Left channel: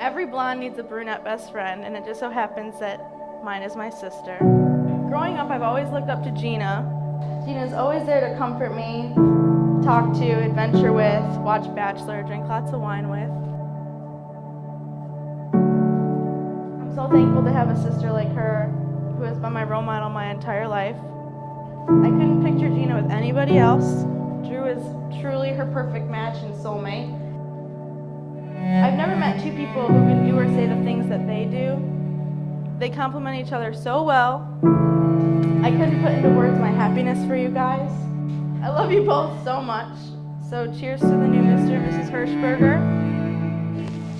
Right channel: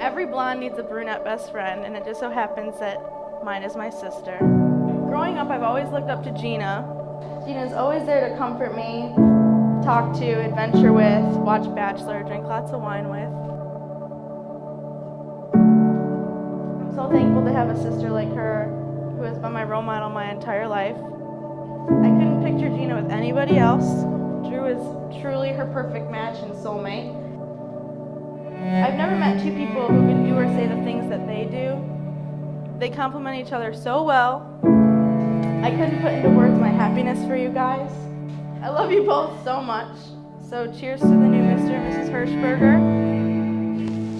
Every blonde needs a brunette best friend, and it just so happens that mine is my sister. Growing up, I've always looked up to Gina. Gina's always there to comfort me, talk to, adventure with, watch Bachelor, drink lots of wine with. I'm so thankful to have a sister like her who has been my role model my entire life. I couldn't picture Gina with anybody else. Drew is truly her perfect match and soulmate. I've never met two people who can do or say the things that they do. They complement each other so well. I couldn't put into words my happiness for you guys. I love you both so much. So cheers to the new Mr. and Mrs. Hershberger.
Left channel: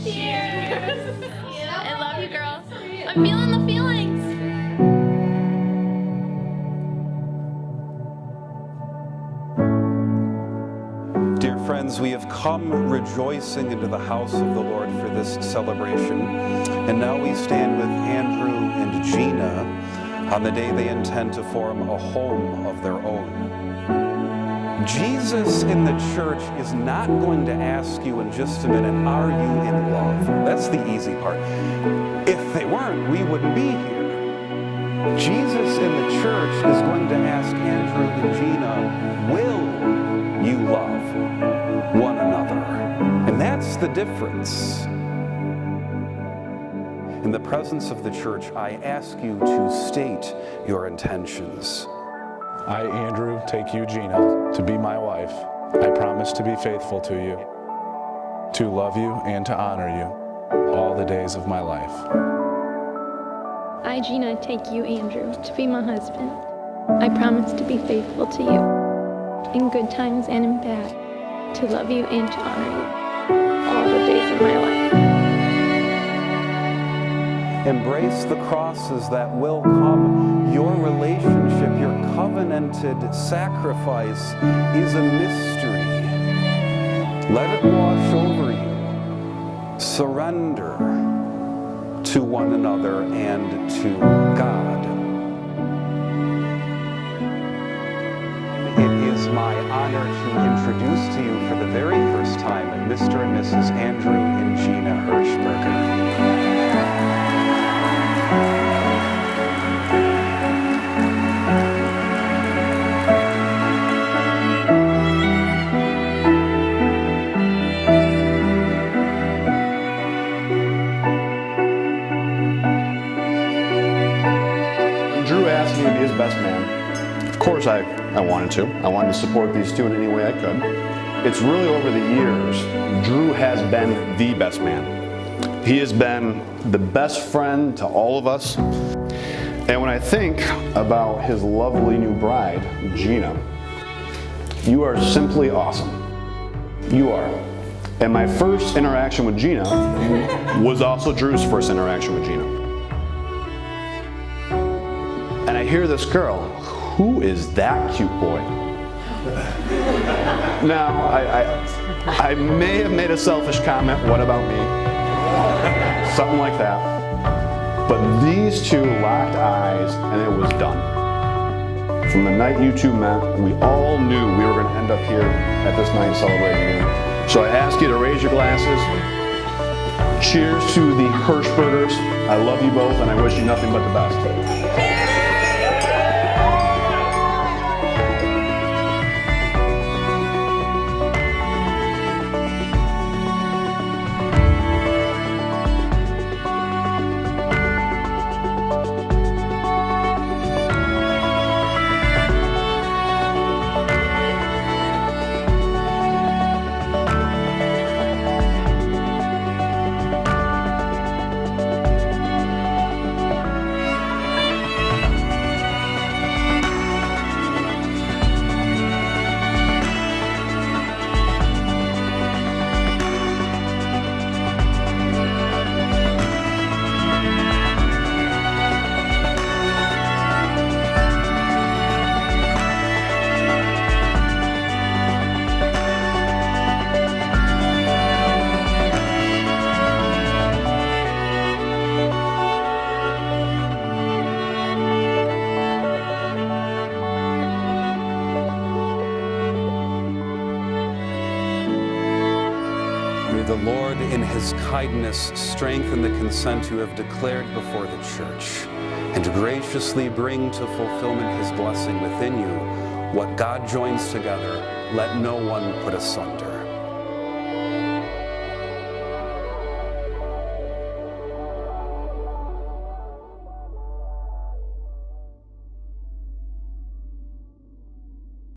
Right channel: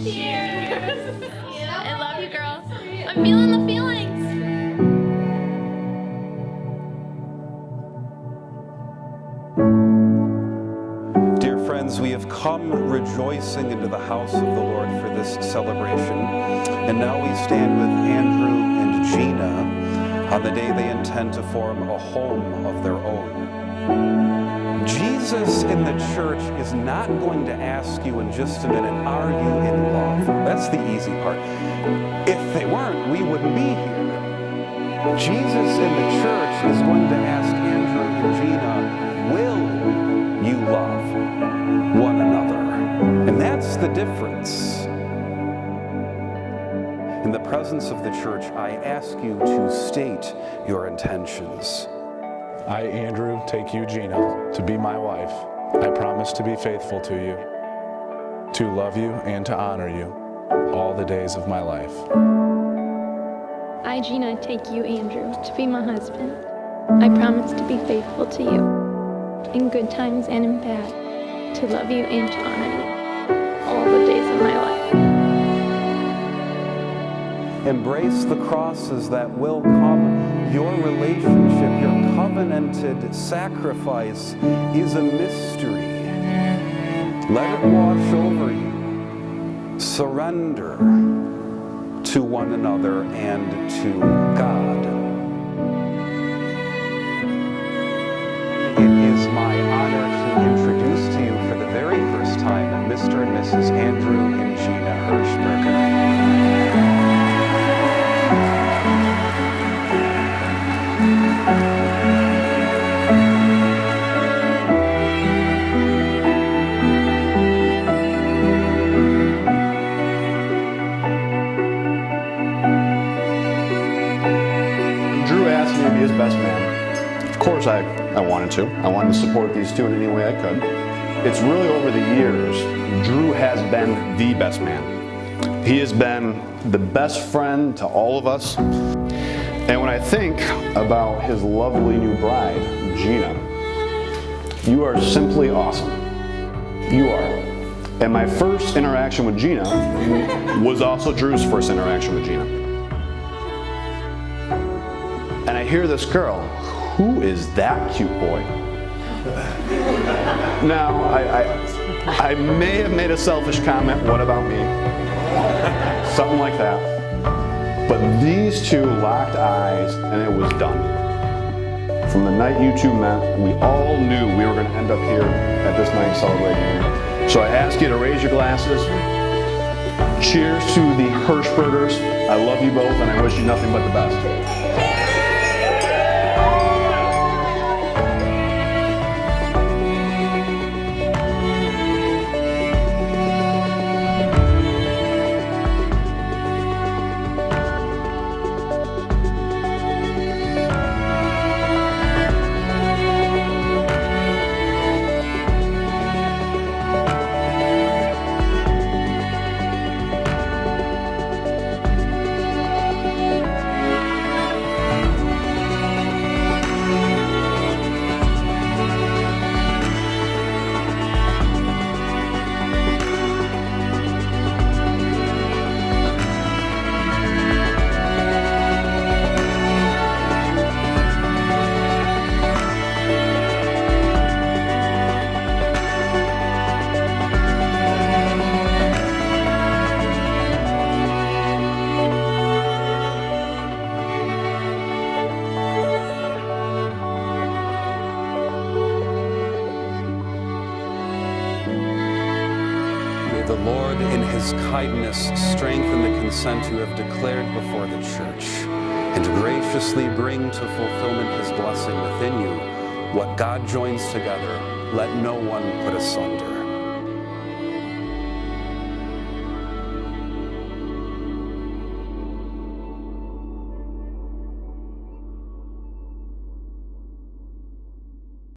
Cheers! I love you, girls. I'm feeling the feelings. Dear friends, we have come rejoicing into the house of the Lord for this celebration. And now we stand with Andrew and Gina on the day they intend to form a home of their own. Jesus in the church is not going to ask you in just a minute, are you in love? That's the easy part. If they weren't, we wouldn't be here. Jesus in the church is going to ask Andrew and Gina, will you love one another? And that's the difference. In the presence of the church, I ask you to state your intentions. I, Andrew, take you, Gina, to be my wife. I promise to be faithful to you, to love you and to honor you all the days of my life. I, Gina, take you, Andrew, to be my husband. I promise to be faithful to you, in good times and in bad, to love you and to honor you all the days of my life. Embrace the crosses that will come. Your relationship, your covenanted sacrifice is a mystery. Let it wash over you. Surrender to one another and to God. It is my honor to introduce to you for the very first time Mr. and Mrs. Andrew and Gina Hershberger. Drew asked me to be his best man. Of course I wanted to. I wanted to support these two in any way I could. It's really over the years, Drew has been the best man. He has been the best friend to all of us. And when I think about his lovely new bride, Gina, you are simply awesome. You are. And my first interaction with Gina was also Drew's first interaction with Gina. And I hear this girl, who is that cute boy? Now, I may have made a selfish comment, what about me? Something like that. But these two locked eyes and it was done. From the night you two met, we all knew we were going to end up here at this night celebrating you. So I ask you to raise your glasses. Cheers to the Hershbergers. I love you both and I wish you nothing but the best. May the Lord in his kindness strengthen the consent you have declared before the church, and graciously bring to fulfillment his blessing within you. What God joins together, let no one put asunder.